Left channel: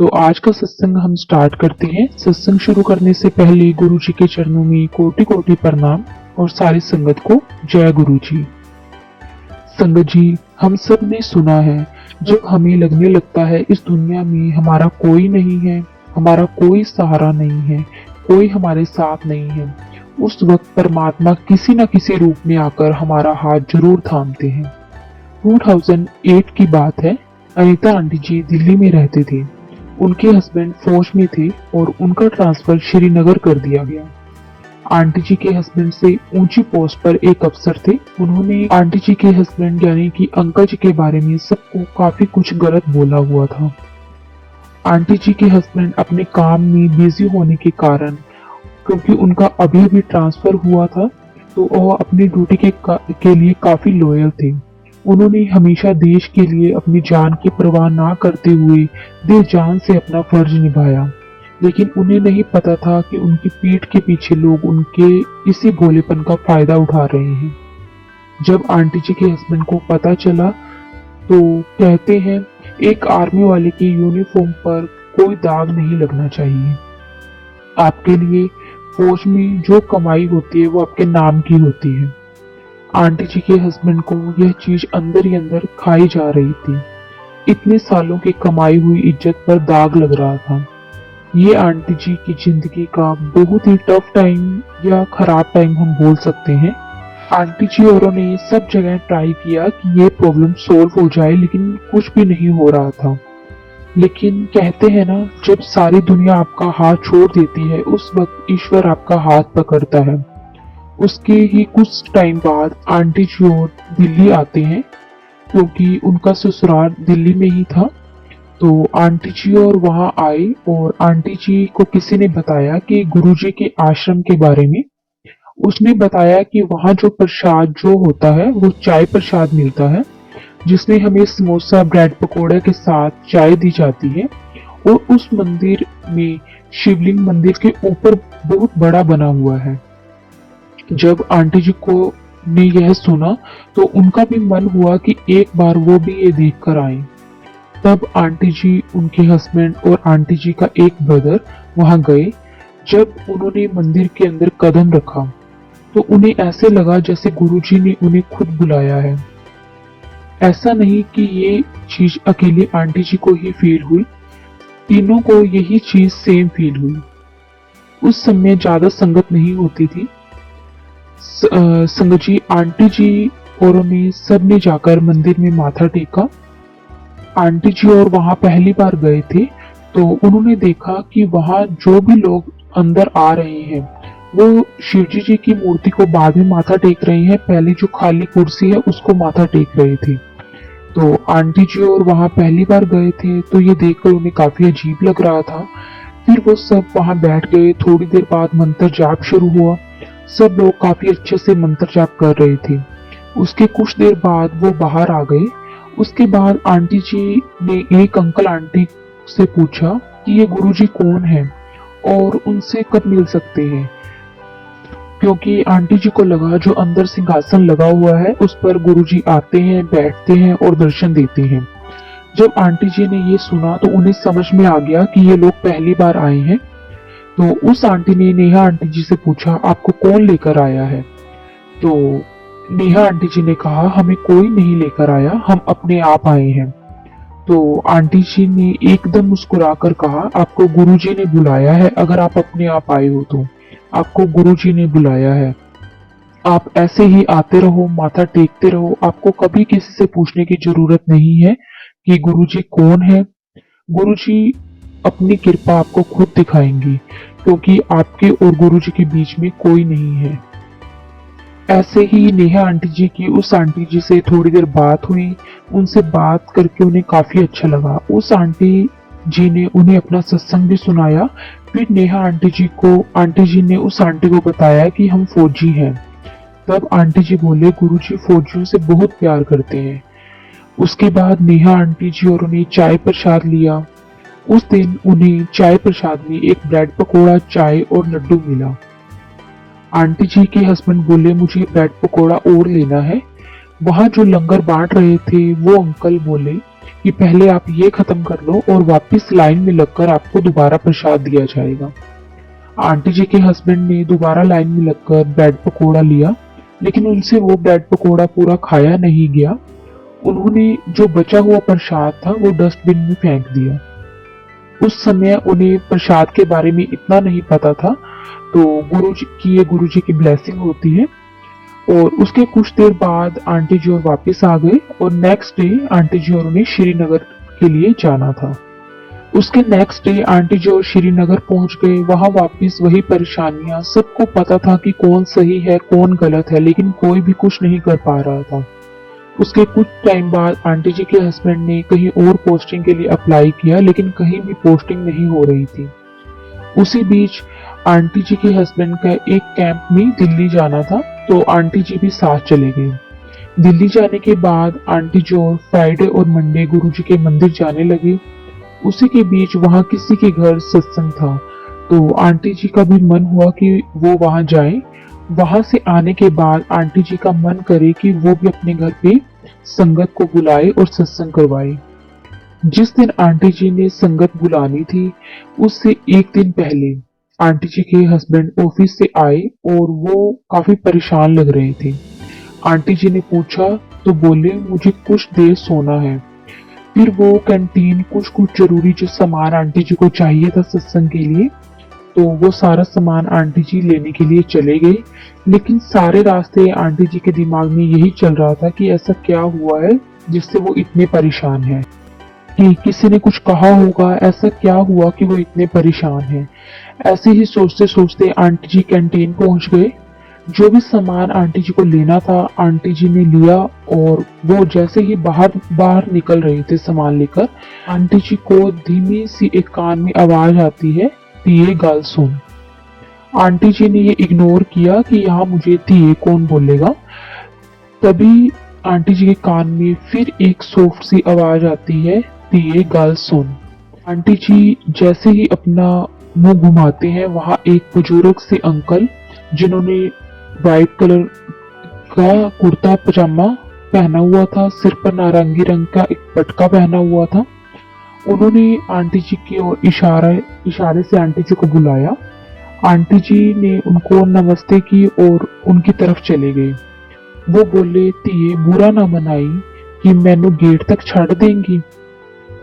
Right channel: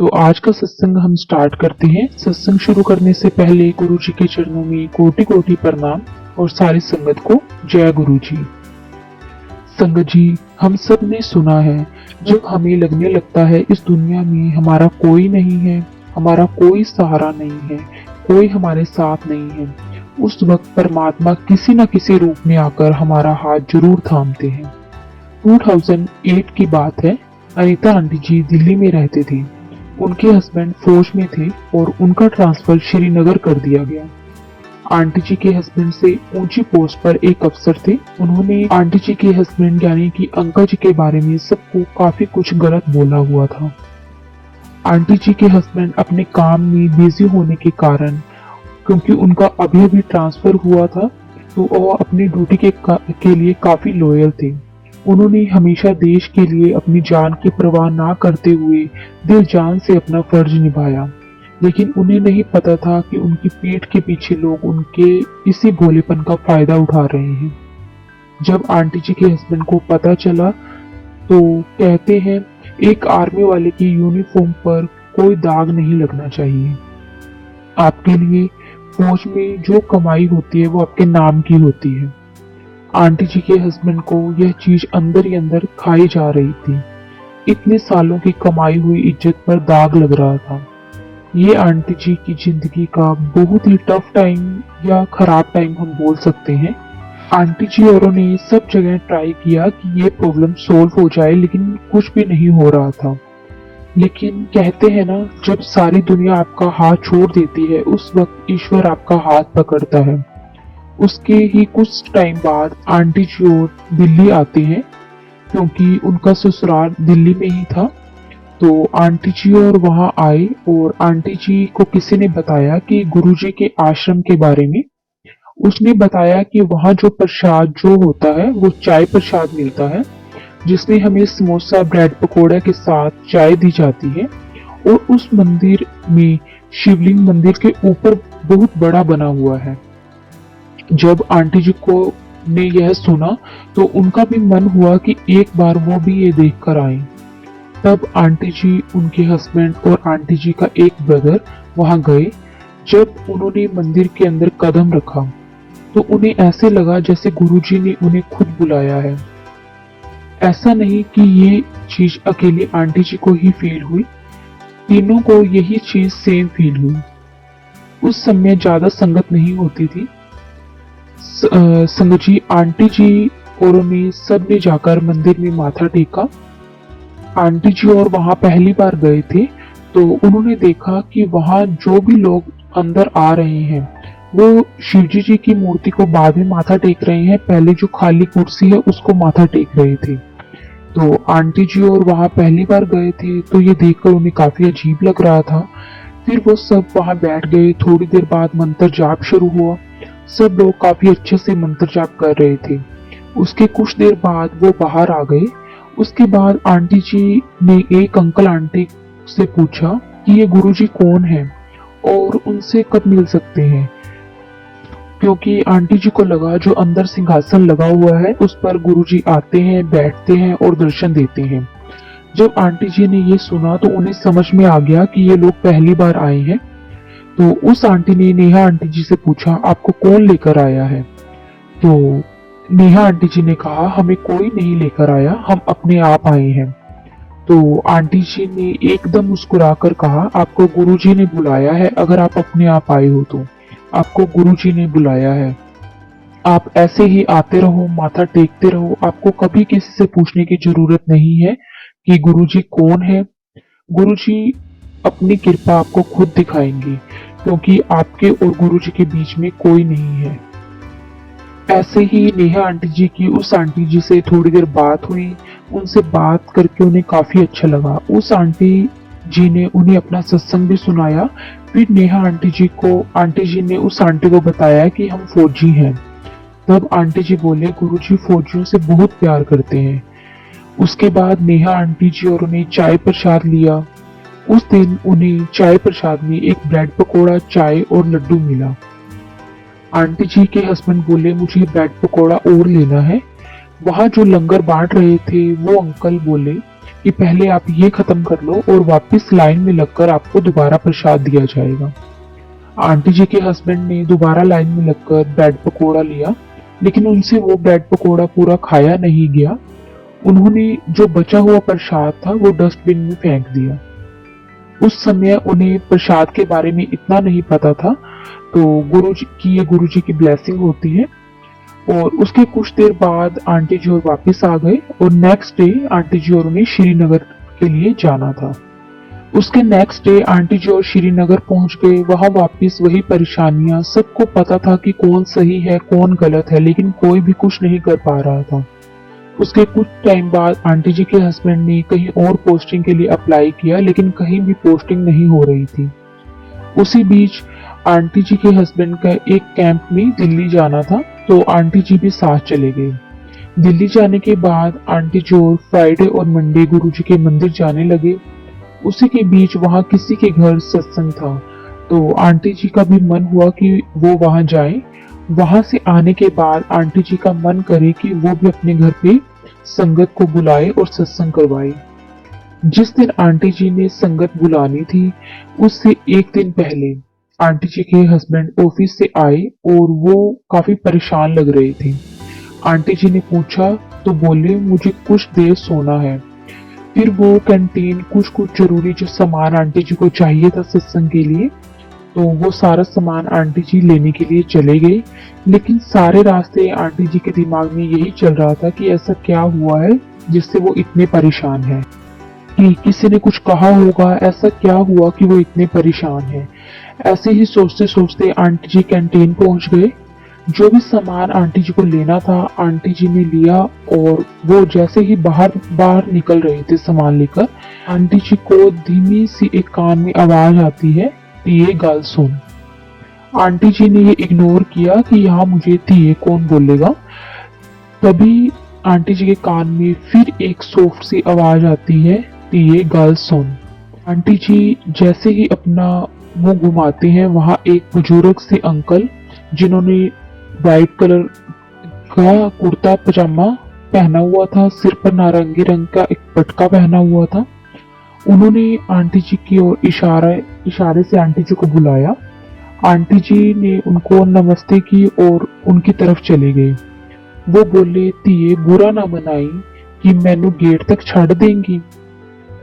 तो आज का सत्संग हम स्टार्ट करते हैं। सत्संग शुरू करने से पहले गुरु जी के चरणों में कोटि कोटि प्रणाम और सारी संगत को जय गुरु जी। संगत जी, हम सब ने सुना है, जब हमें लगने लगता है इस दुनिया में हमारा कोई नहीं है, हमारा कोई सहारा नहीं है, कोई हमारे साथ नहीं है, उस वक्त परमात्मा किसी न किसी रूप में आकर हमारा हाथ जरूर थामते हैं। 2008 की बात है। अनीता आंटी जी दिल्ली में रहते थे। उनके हस्बैंड फौज में थे और उनका ट्रांसफर श्रीनगर कर दिया गया। आंटी जी के हस्बैंड से ऊंची पोस्ट पर एक अफसर थे। उन्होंने आंटी जी के हस्बैंड यानी कि अंकल जी के बारे में सबको काफी कुछ गलत बोला हुआ था। आंटी जी के हस्बैंड अपने काम में बिजी होने के कारण, क्योंकि उनका अभी अभी ट्रांसफर हुआ था, तो वह अपनी ड्यूटी के लिए काफी लॉयल थे। उन्होंने हमेशा देश के लिए अपनी जान की परवाह ना करते हुए दिल जान से अपना फर्ज निभाया। लेकिन उन्हें नहीं पता था कि उनकी पीठ के पीछे लोग उनके इसी भोलेपन का फायदा उठा रहे हैं। जब आंटी जी के हस्बैंड को पता चला तो कहते हैं, एक आर्मी वाले की यूनिफॉर्म पर कोई दाग नहीं लगना चाहिए। आपके लिए फौज में जो कमाई होती है वो आपके नाम की होती है। आंटी जी के हस्बैंड को यह चीज अंदर ही अंदर खाई जा रही थी। इतने सालों की कमाई हुई इज्जत पर दाग लग रहा था। ये आंटी जी की जिंदगी का बहुत ही टफ टाइम या खराब टाइम हम बोल सकते हैं। आंटी जी औरों ने सब जगह ट्राई किया कि ये प्रॉब्लम सॉल्व हो जाए, लेकिन कुछ भी नहीं हो रहा था। लेकिन कहते हैं ना, जब सारी दुनिया आपका हाथ छोड़ देती है, उस वक्त ईश्वर आपका हाथ पकड़ता है। उसके ही कुछ टाइम बाद आंटी जी और दिल्ली आते हैं, क्योंकि उनका ससुराल दिल्ली में ही था। तो आंटी जी और वहां आए और आंटी जी को किसी ने बताया कि गुरुजी के आश्रम के बारे में। उसने बताया कि वहां जो प्रसाद जो होता है वो चाय प्रसाद मिलता है, जिसमें हमें समोसा ब्रेड पकौड़े के साथ चाय दी जाती है। और उस मंदिर में शिवलिंग मंदिर के ऊपर बहुत बड़ा बना हुआ है। जब आंटी जी को ने यह सुना तो उनका भी मन हुआ कि एक बार वो भी ये देख कर आए। तब आंटी जी, उनके हस्बैंड और आंटी जी का एक ब्रदर वहां गए। जब उन्होंने मंदिर के अंदर कदम रखा तो उन्हें ऐसे लगा जैसे गुरुजी ने उन्हें खुद बुलाया है। ऐसा नहीं कि ये चीज अकेले आंटी जी को ही फील हुई, तीनों को यही चीज सेम फील हुई। उस समय ज्यादा संगत नहीं होती थी। संगत जी, आंटी जी और उन्हें सब ने जाकर मंदिर में माथा टेका। आंटी जी और वहां पहली बार गए थे, तो उन्होंने देखा कि वहां जो भी लोग अंदर आ रहे हैं वो शिवजी जी की मूर्ति को बाद में माथा टेक रहे हैं, पहले जो खाली कुर्सी है उसको माथा टेक रहे थे। तो आंटी जी और वहां पहली बार गए थे, तो ये देखकर उन्हें काफी अजीब लग रहा था। फिर वो सब वहां बैठ गए। थोड़ी देर बाद मंत्र जाप शुरू हुआ। सब लोग काफी अच्छे से मंत्र जाप कर रहे थे। उसके कुछ देर बाद वो बाहर आ गए। उसके बाद आंटी जी ने एक अंकल आंटी से पूछा कि ये गुरुजी कौन है और उनसे कब मिल सकते हैं, क्योंकि आंटी जी को लगा जो अंदर सिंहासन लगा हुआ है उस पर गुरुजी आते हैं, बैठते हैं और दर्शन देते हैं। जब आंटी जी ने ये सुना तो उन्हें समझ में आ गया कि ये लोग पहली बार आए हैं। तो उस आंटी ने नेहा आंटी जी से पूछा, आपको कौन लेकर आया है? तो नेहा आंटी जी ने कहा, हमें कोई नहीं लेकर आया, हम अपने आप आए हैं। तो आंटी जी ने एकदम मुस्कुराकर कहा, आपको गुरुजी ने बुलाया है। अगर आप अपने आप आए हो तो आपको गुरुजी ने बुलाया है। आप ऐसे ही आते रहो, माथा टेकते रहो। आपको कभी किसी से पूछने की जरूरत नहीं है कि गुरुजी कौन है। गुरुजी अपनी कृपा आपको खुद दिखाएंगे, क्योंकि आपके और गुरुजी के बीच में कोई नहीं है। ऐसे ही नेहा आंटी जी की उस आंटी जी से थोड़ी देर बात हुई। उनसे बात करके उन्हें काफी अच्छा लगा। उस आंटी जी ने उन्हें अपना सत्संग भी सुनाया। फिर नेहा आंटी जी ने उस आंटी को बताया कि हम फौजी हैं। तब आंटी जी बोले, गुरुजी फौजियों से बहुत प्यार करते हैं। उसके बाद नेहा आंटी जी और उन्हें चाय प्रसाद लिया। उस दिन उन्हें चाय प्रसाद में एक ब्रेड पकौड़ा, चाय और लड्डू मिला। आंटी जी के हस्बैंड बोले, मुझे ब्रेड पकौड़ा और लेना है। वहां जो लंगर बांट रहे थे वो अंकल बोले कि पहले आप ये खत्म कर लो और वापस लाइन में लगकर आपको दोबारा प्रसाद दिया जाएगा। आंटी जी के हस्बैंड ने दोबारा लाइन में लगकर ब्रेड पकोड़ा लिया, लेकिन उनसे वो ब्रेड पकोड़ा पूरा खाया नहीं गया। उन्होंने जो बचा हुआ प्रसाद था वो डस्टबिन में फेंक दिया। उस समय उन्हें प्रसाद के बारे में इतना नहीं पता था, तो गुरु जी की ब्लेसिंग होती है। और उसके कुछ देर बाद आंटी जी और वापस आ गए और नेक्स्ट डे आंटी जी और उन्हें श्रीनगर के लिए जाना था। उसके नेक्स्ट डे आंटी जी और श्रीनगर पहुंच गए। वहां वापस वही परेशानियां। सबको पता था कि कौन सही है कौन गलत है, लेकिन कोई भी कुछ नहीं कर पा रहा था। उसके कुछ टाइम बाद आंटी जी के हस्बैंड ने कहीं और पोस्टिंग के लिए अप्लाई किया, लेकिन कहीं भी पोस्टिंग नहीं हो रही थी। उसी बीच आंटी जी के हस्बैंड का एक कैंप में दिल्ली जाना था, तो आंटी जी भी साथ चले गए। दिल्ली जाने के बाद आंटी जी और फ्राइडे और मंडे गुरु जी के मंदिर जाने लगे। उसी के बीच वहां किसी के घर सत्संग था, तो आंटी जी का भी मन हुआ कि वो वहां जाए। वहां से आने के बाद आंटी जी का मन करे कि वो भी अपने घर पे संगत को बुलाए और सत्संग करवाए। जिस दिन आंटी जी ने संगत बुलानी थी, उससे एक दिन पहले आंटी जी के हस्बैंड ऑफिस से आए और वो काफी परेशान लग रहे थे। आंटी जी ने पूछा तो बोले मुझे कुछ देर सोना है। फिर वो कैंटीन कुछ कुछ जरूरी जो सामान आंटी जी को चाहिए था सत्संग के लिए, तो वो सारा सामान आंटी जी लेने के लिए चले गए। लेकिन सारे रास्ते आंटी जी के दिमाग में यही चल रहा था कि ऐसा क्या हुआ है जिससे वो इतने परेशान है, कि किसी ने कुछ कहा होगा, ऐसा क्या हुआ कि वो इतने परेशान है। ऐसे ही सोचते सोचते आंटी जी कैंटीन पहुंच गए। जो भी सामान आंटी जी को लेना था आंटी जी ने लिया, और वो जैसे ही बाहर बाहर निकल रहे थे सामान लेकर, आंटी जी को धीमी सी एक कान में आवाज आती है कि ये गल सुन। आंटी जी ने ये इग्नोर किया कि यहाँ मुझे थिए कौन बोलेगा। तभी आंटी जी के कान में फिर एक सॉफ्ट सी आवाज आती है कि ये गल सुन। आंटी जी जैसे ही अपना मुंह घुमाते हैं, वहां एक बुजुर्ग से अंकल जिन्होंने वाइट कलर का कुर्ता पजामा पहना हुआ था, सिर पर नारंगी रंग का एक पटका पहना हुआ था, उन्होंने आंटी जी की ओर इशारे से आंटी जी को बुलाया। आंटी जी ने उनको नमस्ते की और उनकी तरफ चले गए। वो बोले तिये बुरा ना मनाई कि मैनू गेट तक छड़ देंगी।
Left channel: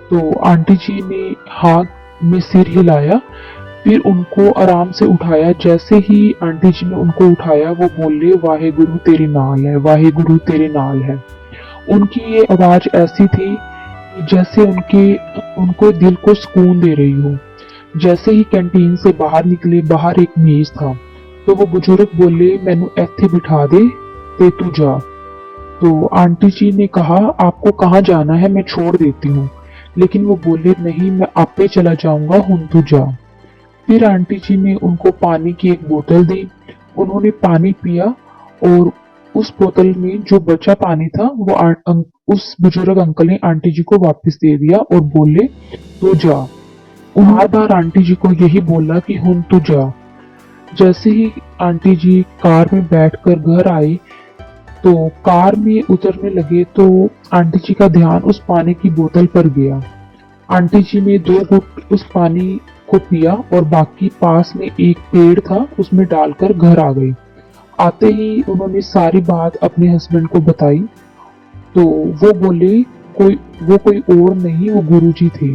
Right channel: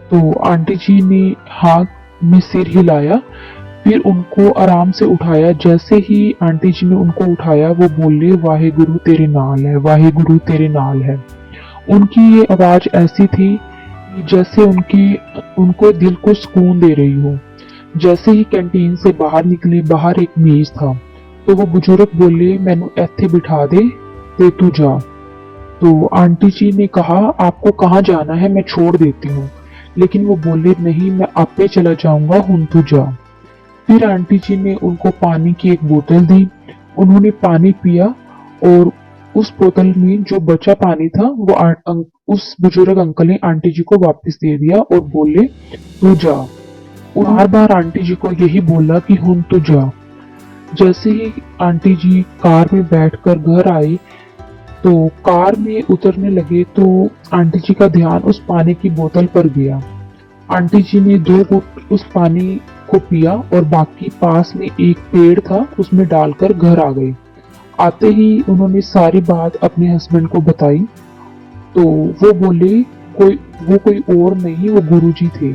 तो आंटी जी ने हाथ में सिर हिलाया, फिर उनको आराम से उठाया। जैसे ही आंटी जी ने उनको उठाया, वो बोले वाहे गुरु तेरे नाल है, वाहे गुरु तेरे नाल है। उनकी ये आवाज ऐसी थी जैसे उनको दिल को सुकून दे रही हो। जैसे ही कैंटीन से बाहर निकले, बाहर एक मेज था, तो वो बुजुर्ग बोले मैनू इत्थे बिठा दे ते तू जा। तो आंटी जी ने कहा आपको कहाँ जाना है, मैं छोड़ देती हूँ। लेकिन वो बोले नहीं, मैं आपे चला जाऊंगा, हुन तू जा। फिर आंटी जी ने उनको पानी की एक बोतल दी। उन्होंने पानी पिया और उस बोतल में जो बचा पानी था वो उस बुजुर्ग अंकल ने आंटी जी को वापस दे दिया और बोले तू जा। बार बार आंटी जी को यही बोला कि हुन तू जा। जैसे ही आंटी जी कार में बैठकर घर आए, तो कार में उतरने लगे तो आंटी जी का ध्यान उस पानी की बोतल पर गया। आंटी जी ने 2 घूंट उस पानी को पिया और बाकी पास में एक पेड़ था उसमें डालकर घर आ गए। आते ही उन्होंने सारी बात अपने हस्बैंड को बताई, तो वो बोले वो कोई और नहीं, वो गुरुजी थे।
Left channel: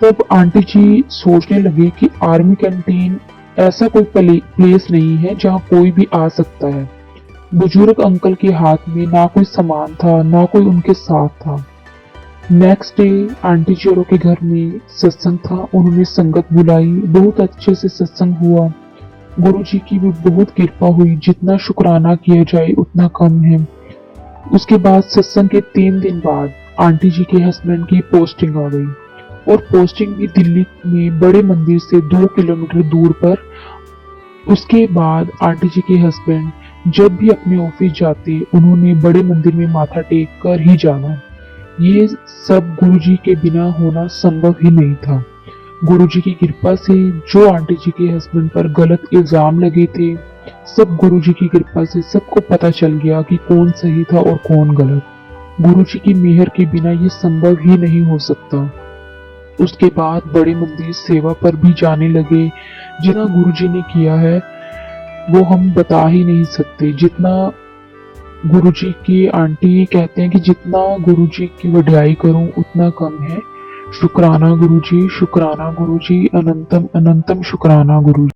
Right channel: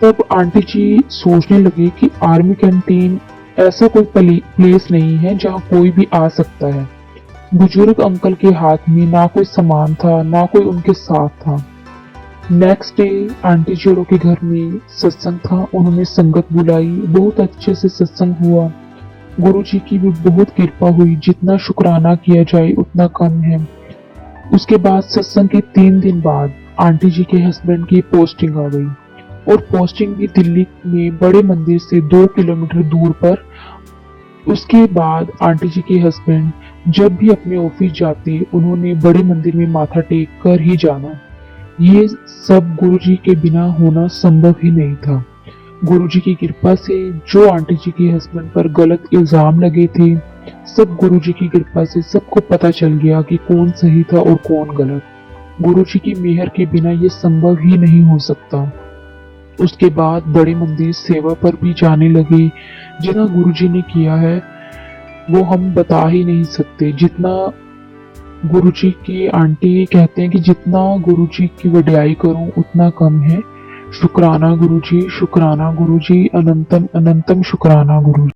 तब आंटी जी सोचने लगी कि आर्मी कैंटीन ऐसा कोई प्लेस नहीं है जहाँ कोई भी आ सकता है। बुजुर्ग अंकल के हाथ में ना कोई सामान था, ना कोई उनके साथ था। नेक्स्ट डे आंटी जी के घर में सत्संग था। उन्होंने संगत बुलाई, बहुत अच्छे से सत्संग हुआ। गुरु जी की भी बहुत कृपा हुई, जितना शुक्राना किया जाए उतना कम है। उसके बाद सत्संग के 3 दिन बाद आंटी जी के हस्बैंड की पोस्टिंग आ गई, और पोस्टिंग भी दिल्ली में बड़े मंदिर से 2 किलोमीटर दूर पर। उसके बाद आंटी जी के हस्बैंड जब भी अपने ऑफिस जाते, उन्होंने बड़े मंदिर में माथा टेक कर ही जाना। ये सब गुरुजी के बिना होना संभव ही नहीं था। गुरुजी की कृपा से जो आंटी जी के हस्बैंड पर गलत इल्जाम लगे थे, सब गुरुजी की कृपा से सबको पता चल गया कि कौन सही था और कौन गलत। गुरु जी की मेहर के बिना ये संभव ही नहीं हो सकता। उसके बाद बड़े मंदिर सेवा पर भी जाने लगे। जितना गुरु जी ने किया है वो हम बता ही नहीं सकते। जितना गुरु जी की आंटी कहते हैं कि जितना गुरु जी की वडियाई करूं उतना कम है। शुक्राना गुरु जी, शुक्राना गुरु जी, अनंतम अनंतम शुक्राना गुरु जी।